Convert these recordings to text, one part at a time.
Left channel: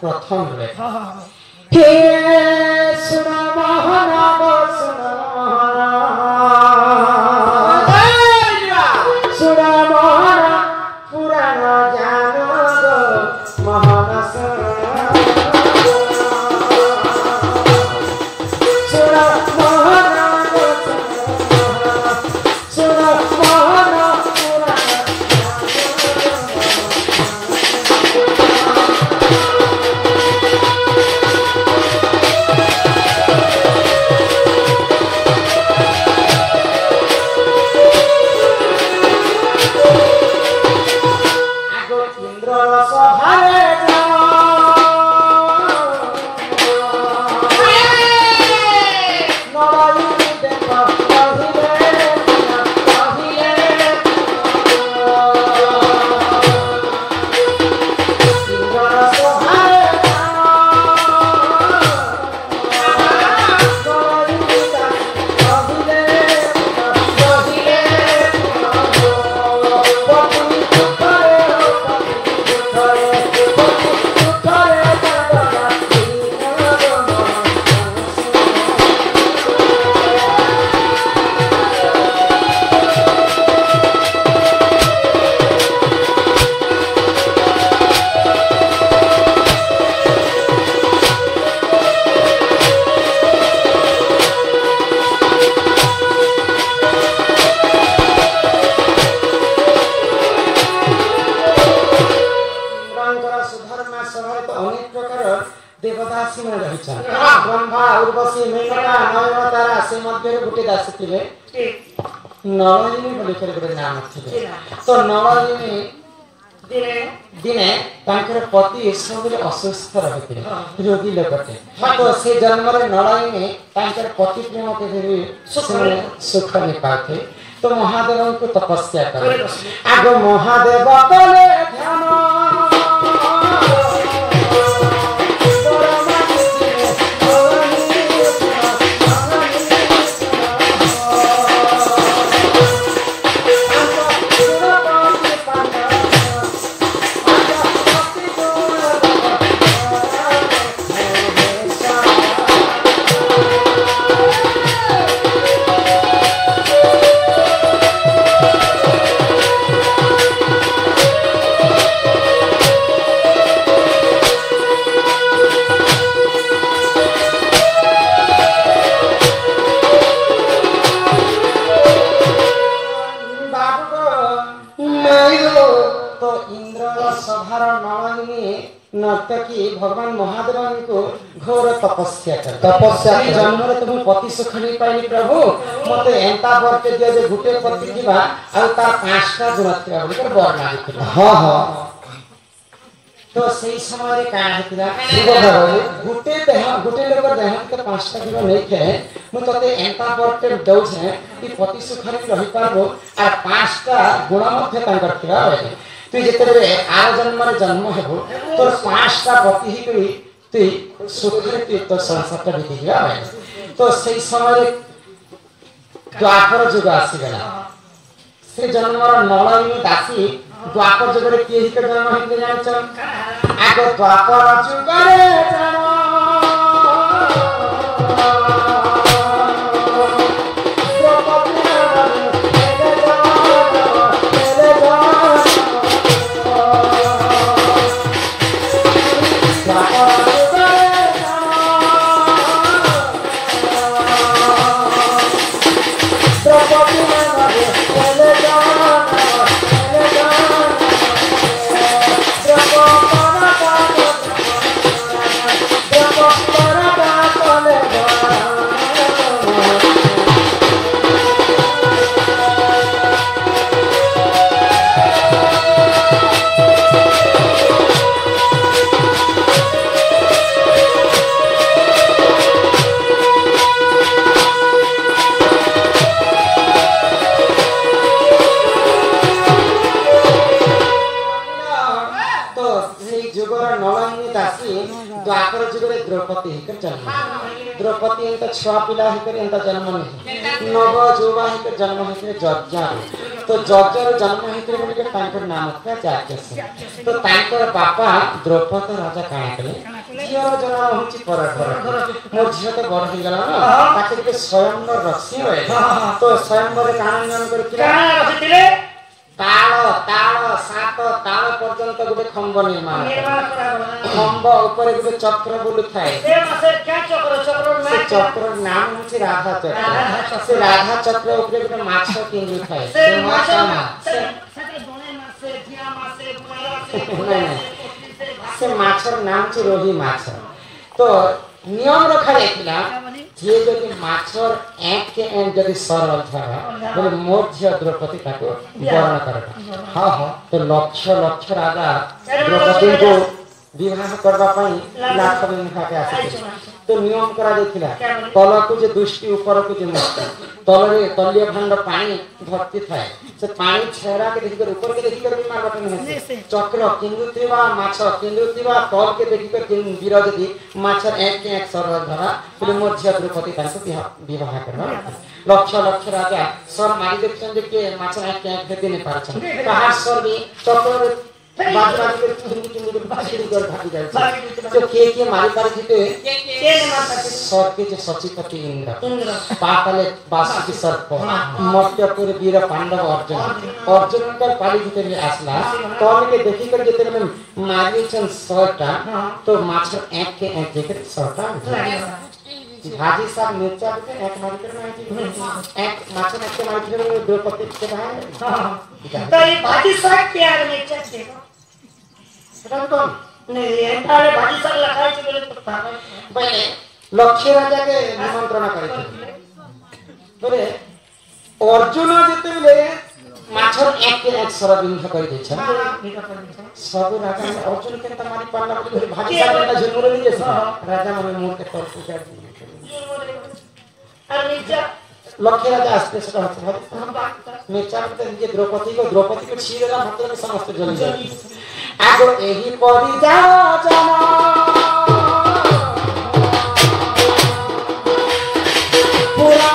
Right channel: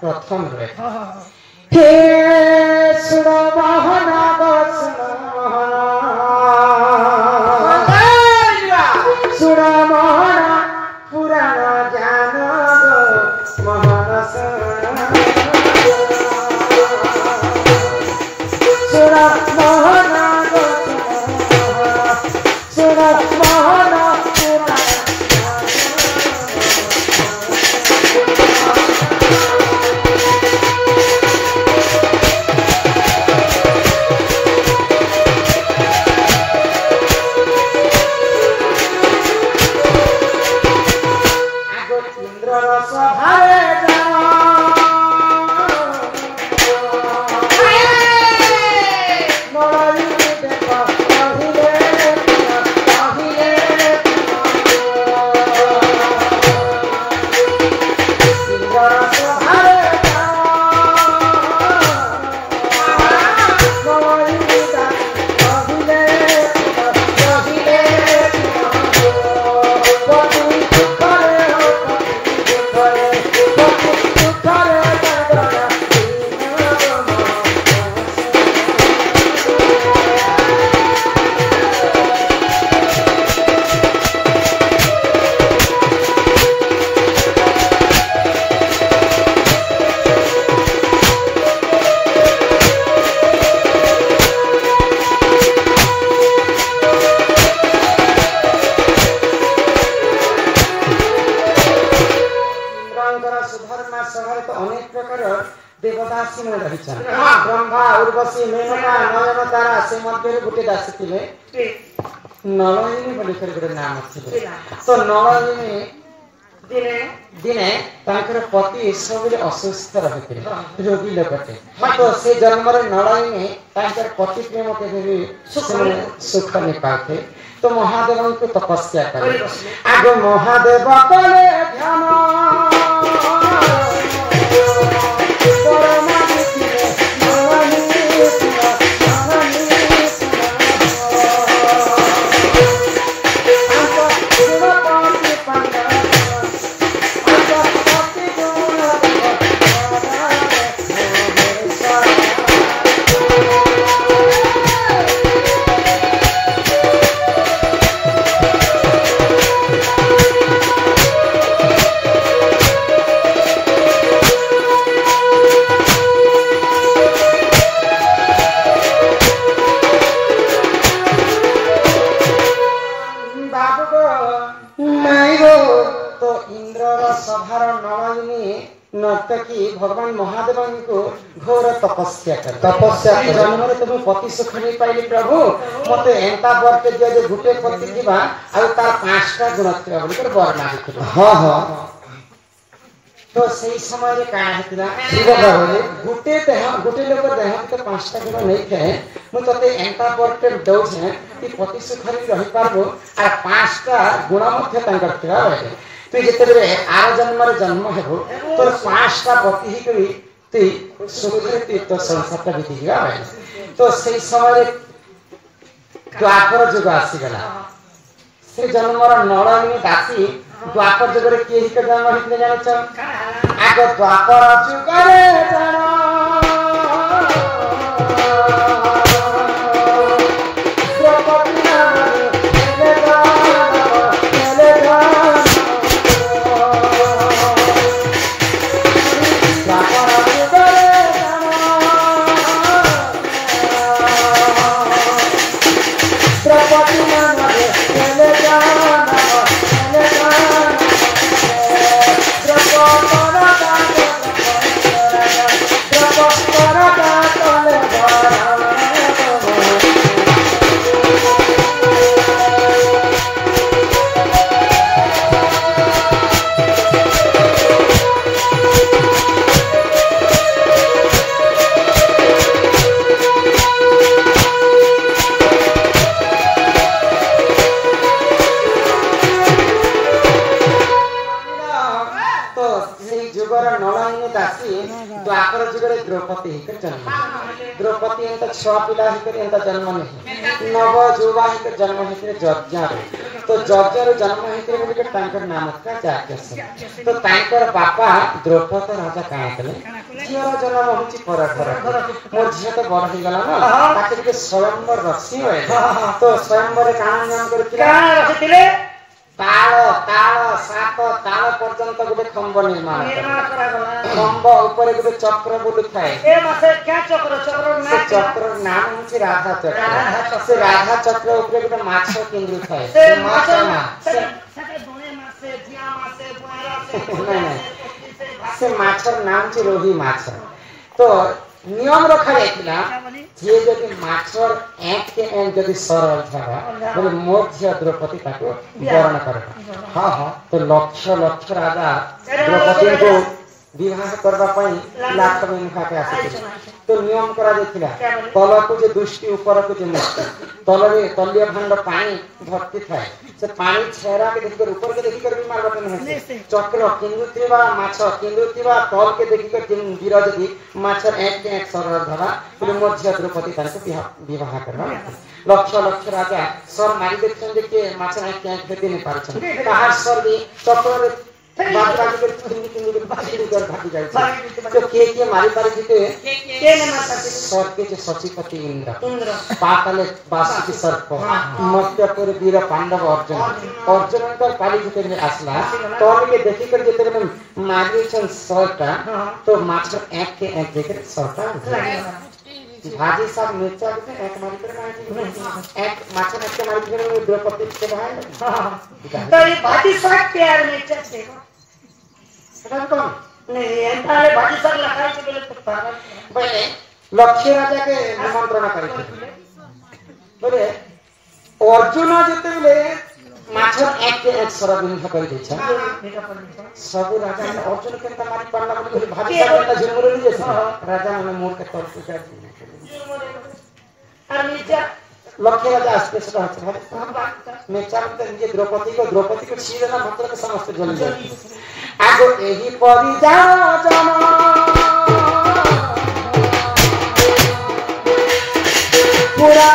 प्रथम रे हे सुनो मोहन सुनो सुनो मोहन पुराण जानो मोहन सुनो मोहन सुनो मोहन देवदासी मन रही ब्रह्मा उर्वशी मेघना नयन तारा से मध्य गोटे दासी थे नलिनी बोली गोटे नाम थे तो नलिनी दिने पति सब असुस्थ रही रोगी लोकटे तो से जन्म नलिनी पति प्रेम के सुख नहीं पाते तो महादेव को तपस्या करे आग महादेव कले ध्यान नर्तकी भगवान महादेव को घोर तपस्या कर जन्म तुम पति सुख नहीं पाइली प्रभु मत एंता बर के दिया जे गुटे पति दिबा आ तार पांचटा गुण थिबा बोली कर बर मागिथिला हां हां तो सही समय रे का हेतिला गुटे लोग देह के पांचटा गुण नहीं थे मु तते एंता बर के दउ छे कि पति सुख रे रहि पारबो आ पांचटा गुण मध्य तांकर थिबा तु जेते आर जन्म जन्म हो तो पांचटा पति ही करी तु सुखी तो संसार बीती गया तो सही समय द्वापर जुग आसीगला से जन्म नलिनी दासी द्वापर जुग रे किए ही जन्म होते जान आग द्वापर जुग रे जानो दासी द्वापर जुगरे द्रौपदी हिकर जन्म द्रौपदी एंता छुआ पिला हिकर एंता जन्म नहीं नव जुवा हिकर जन्म हिकर जज्ञा तो जज्ञार जन्म हिकर बोली के तांकर नाम का जाज्ञ तो तांकर बापा द्रौपदी राजा काना कले झियर जन्म होची पर मोर झियो तो बड़ हो गला ना ताके के स्वयंवर रखसी होय तो स्वयंवर काना नियम कर किला रखितिले ताल ताल सात ताल पर्यंत गोटे खंब निर्माण खंब ऊपर गोटे चक्र बुलु थाए चक्र नाम होची राधा चक्र से राधा चक्र ऊपर गोटे माछ किंगु थाए से माछ से माछर नाम छि रोही माछ तो नियम रखा जाइतिला जे जदि माछर एक के एक जदि सरल थाबा बोले मोर झियो द्रौपदी ताको वरण करबा हां हां तो लक्ष्य लक्ष्य राजा द्रौपदी को विवाह करबा पई लाख में मुखा के आसी तो नियम करा जाइतिला तल को जे दुष्टि ऊपर को जे मुक्ति तलरे तलिया भांड पानी भर्ती थाए से पानी छेरा के देखि कर ऊपर के देखि कर भी मारबा नहीं चक्र किंगुतिवा माछ किंगुतिवा तल के देखि कर वीर जदि माछर एक के एक सरल धरा पुल मध्य द्रौपदी ताको विवाह करबा लक्ष्य लक्ष्य राजा सर मारी देखछन जे के माछर एक के एक भेदी नहीं पारछन कहार सर भी चक्र बात राज के किंगु के बाकी कर भागी जाय तो के मारी पारी जीते के ने मारता सर के जे सचिपति इंद्र पाताले बासुकी सर्प मर्त्यपुर वीर पांडव अर्जुन का पाली जीते में आसला तो के देखि कर जेते में मारी छन सरटा तो माछर एक के एक देख सरटा भाजी सब मिर्चा के एक मारी कर मारी एक माछर एक के मारी कर द्रौपदी के भाई तो ये भाजी सब प्यार मिर्चा देखो सदा तो नहीं एंताले भाजी सब लखाई से बोले तो पागल पहले लक्ष्य राजा के निमंत्रण करे बोले अर्जुन जते ले माछर एक के एक सरबिंध कर दै छ सब राजा ने अर्जुन के त मारी पड़ला बोले भाजी सब का झुमरो लिए राजा ने मोर के तोड़ के और मिर्चा लक्ष्य राजा आस्ते से कहते मैं चाहते हैं ये द्रौपदी को छीन देना मतलब समस्त जल जाए आगो एही परी जाओ जना पूरा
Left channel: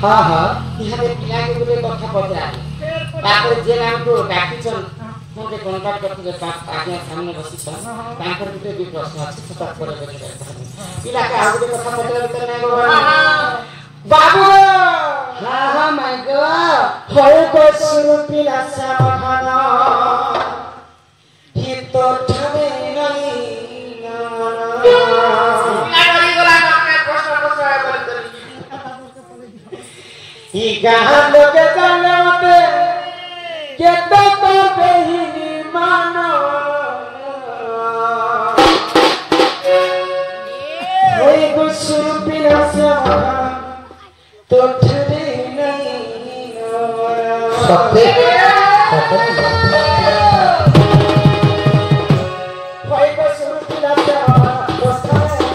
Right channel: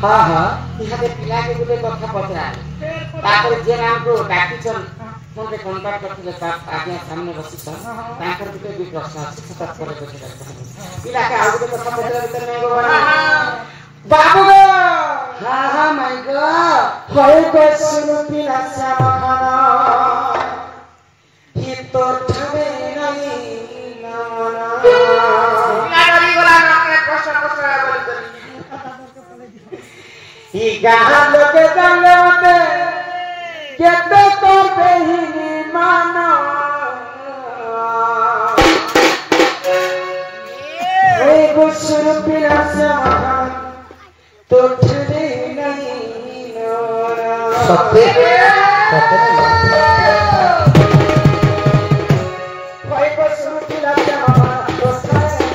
हां हां इहादे पिला के गुले कथा पते तापर जे नाम को डाकिचन मोटे कांटेक्ट करते ता आगे सामने बसी छ ताकर गुटे भी प्रश्न अछि सता करे बचे पिला के आगे कथा पते उतर नै गो बाबू हां हां माय गॉड होय को सुरु पिला सा खाना ही तो ठबे नहीं लागरी बोला के प्रश्न बोल ही गाहर लोके जाने मते केते तो बेहिनी मानो होई गुसुर पिला से मगन तो ठरे नहीं नोरा सत्य होई गुसुर पिला से मगन तो ठरे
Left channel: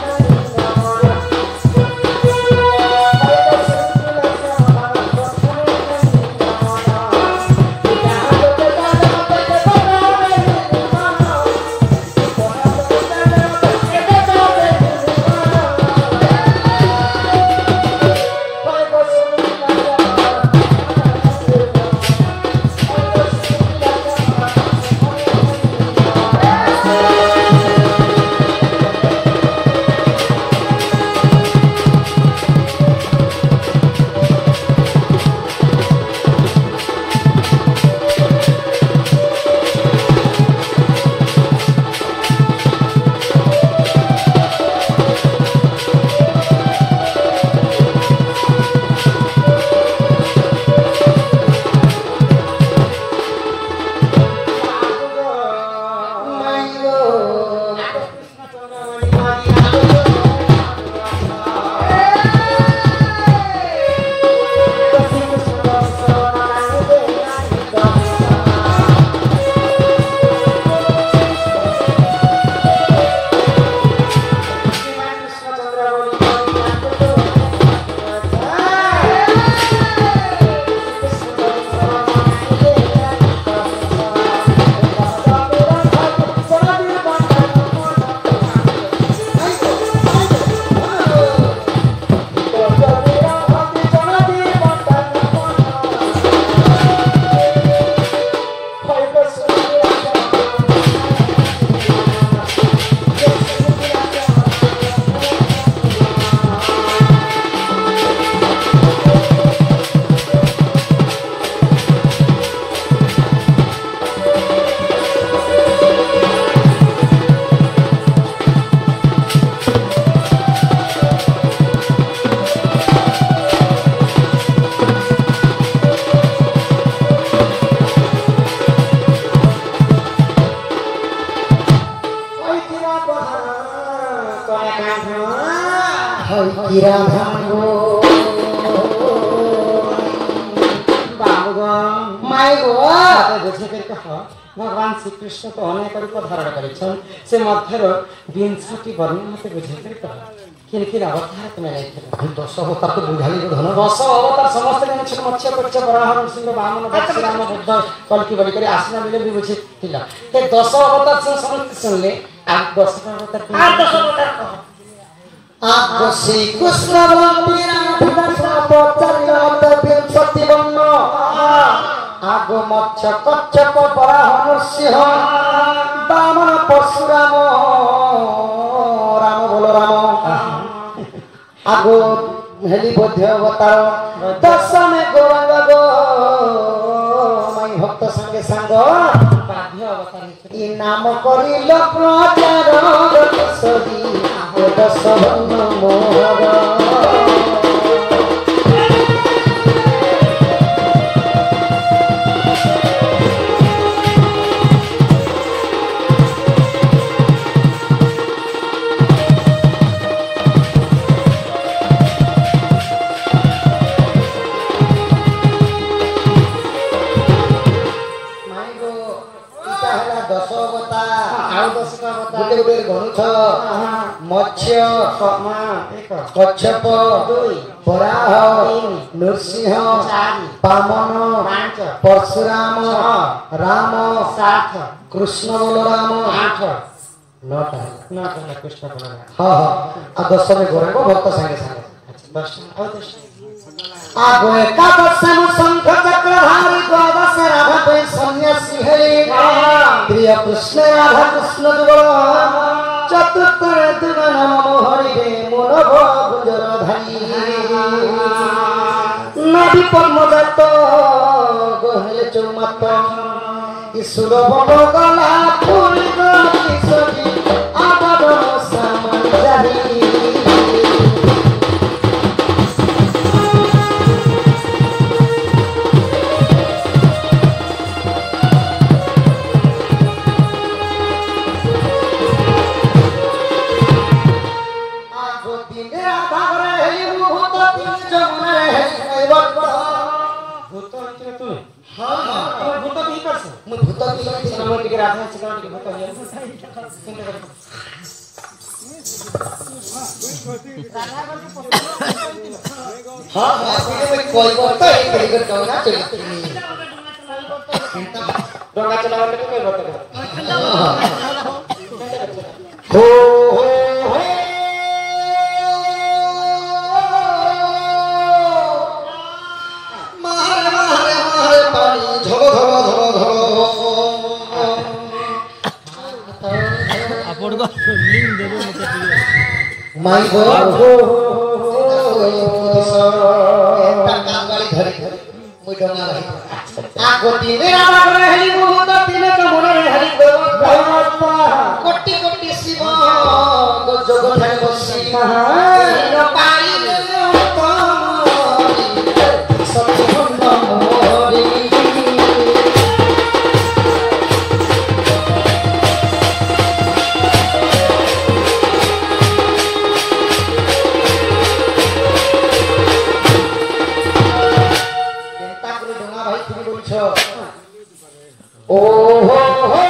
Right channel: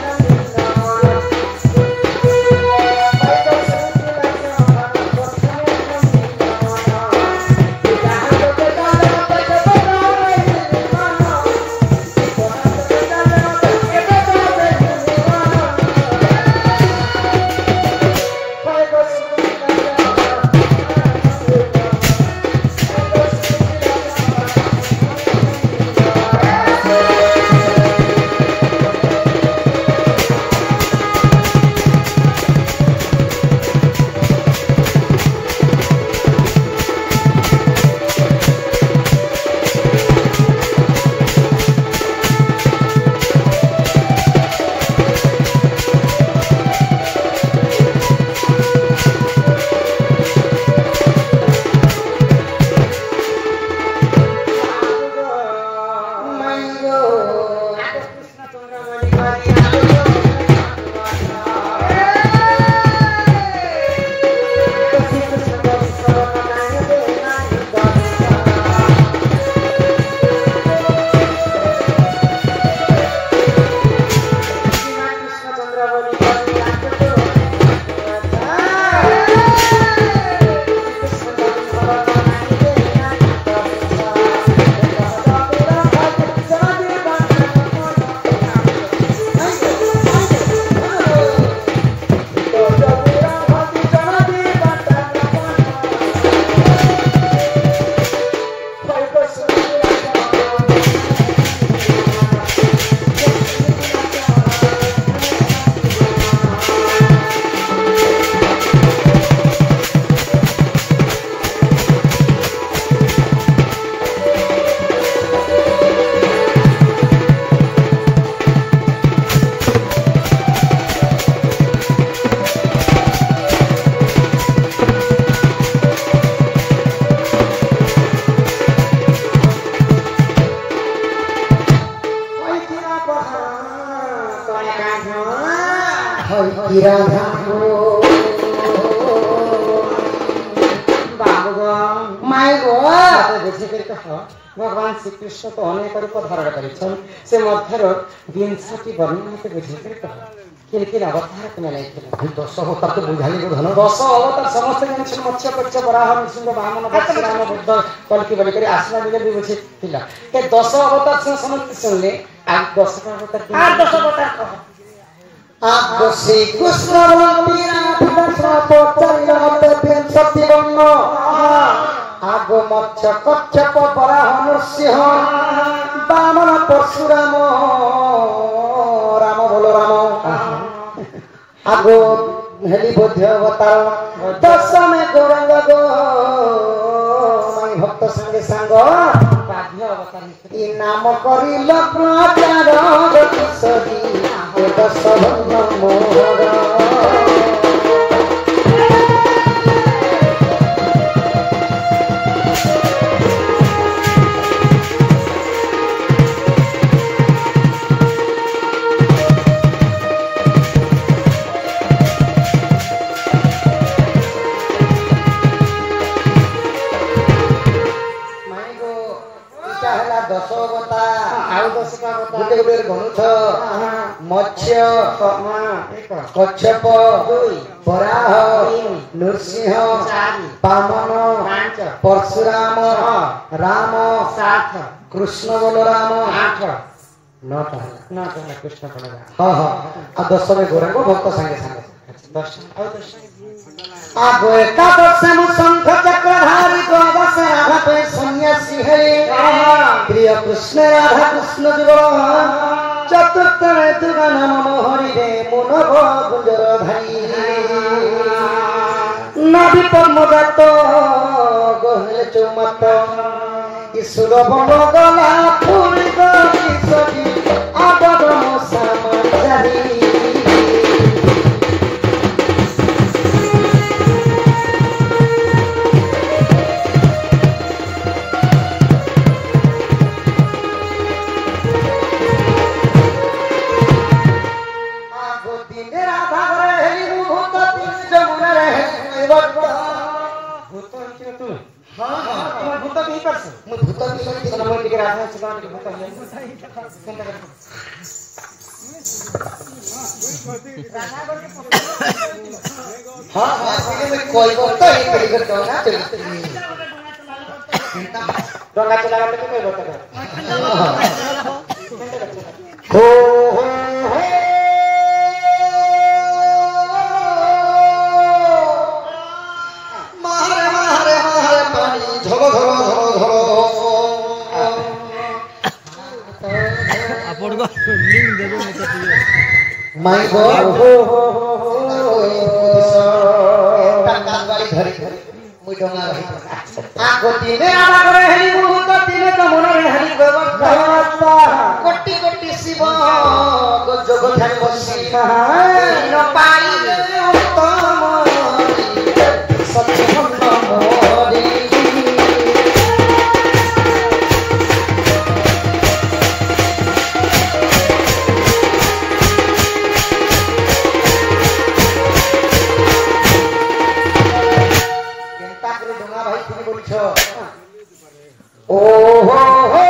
हई राधा गो माय गो बुझे कर कह भगवान श्री कृष्ण तो अनेक रूप धारण करिछन से मध्यर 20 वर्ण मते बुझे कर कह किन अवतार तुम नहीं 10 अवतार तो बुझाली धन 10 अवतार समस्त जान मत्स्य पक्ष वराह नृसिंह वामन परशुराम बुद्ध कल्कि बलि करे आसना मिले भी बुझे थिला ते 10 अवतार से समस्त सुनले आज 10 अवतार आ 10 अवतार कह आगो श्री कृष्ण बलबीरा विवस्वा पचरिला मत सत्यवन्न आगो मत्स्य कच्छप वराह नृसिंह वामन परशुराम राम बोलो राम आगो हेली बोध्य अवतार दशमे गौरांग गो माई भक्त संगे संग बाध्य अवतार ई नाम करिल प्रचार गति सरी दशम मोहर मत्स्य कच्छप वराह नृसिंह वामन परशुराम राम कृष्ण बलराम 9 कृष्ण बलराम हाँ 10 में गौरांग भक्त संगे संगे आगो एकादशम शंख चक्रधारी द्वादश राधा पे सन्यासी है प्रिय कृष्ण राधा कृष्ण जुगल चतुर्थ दुर्गा नाम हरि रे मनोभ गुंजर धारी नदी पद्मजात गहले चौमत ईश्वर बन गला फूल गई सभी आबदम समाजारी डोंगा चला हो मारे मारे मारे पानी झलो झलो झलो झलो आपण को लिंक देबो मते माय गो हो कान वाली धरे मुई डोंगा रही आगो तीने आला करे हेली मुहत तीने का मन रे हरि भगवान कोटि कोटि शिव गो जगत है बसी न पाई रे उत्तम सत्य मोरी ओ हो हो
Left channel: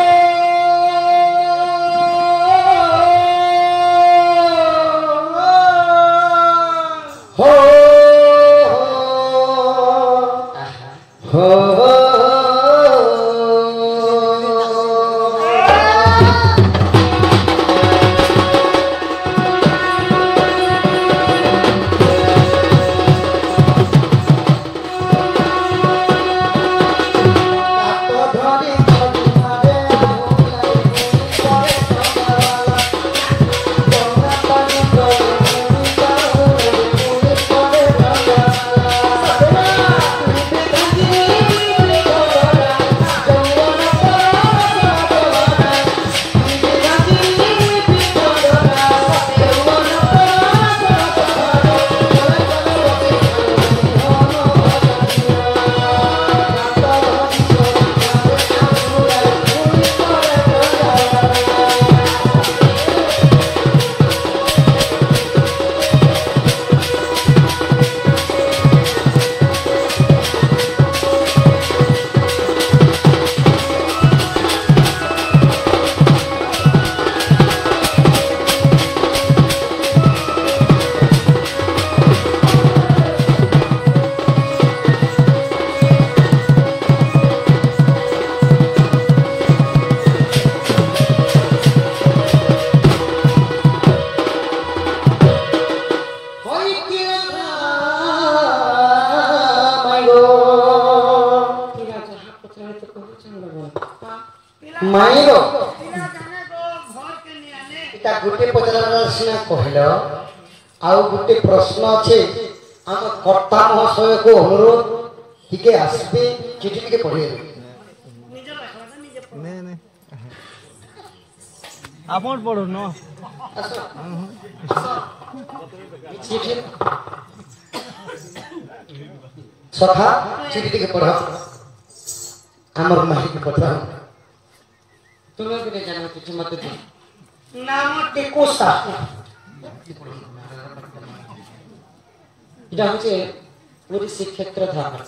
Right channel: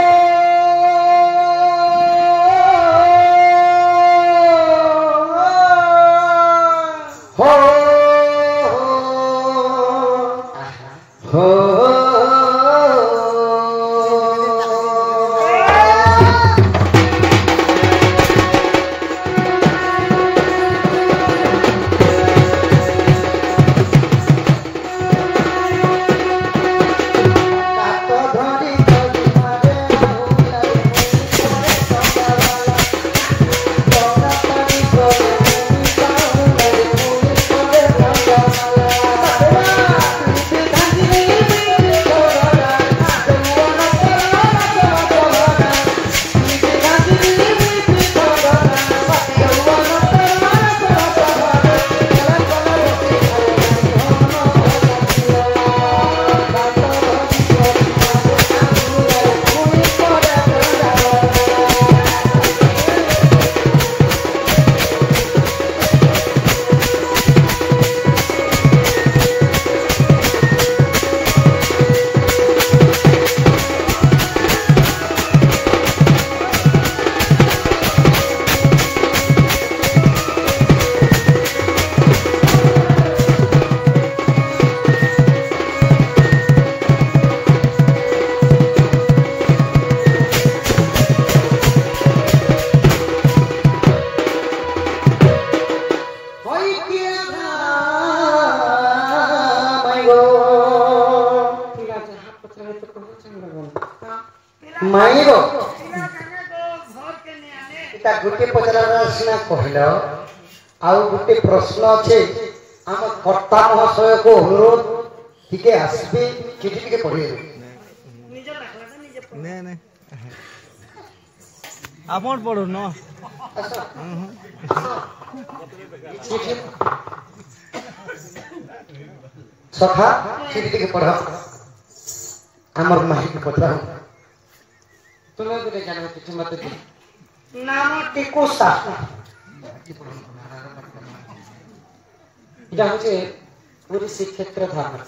माइरो इटा गुटे पचरार सिना कहलो आउ गुटे प्रश्न अछि हम कर्ता महाशय को अनुरोध टिके आसबे चिठी टिके पढिए निजे लिखला निजे पढ नहीं आपन पढो न चिठी सखा चिठी टिके पढ हमर माही को पठाओ तुम्हें भी नहीं जानो कुछ मत दे नाम टिको सा এটা হচ্ছে পুরী শ্রীক্ষেত্র ধারণা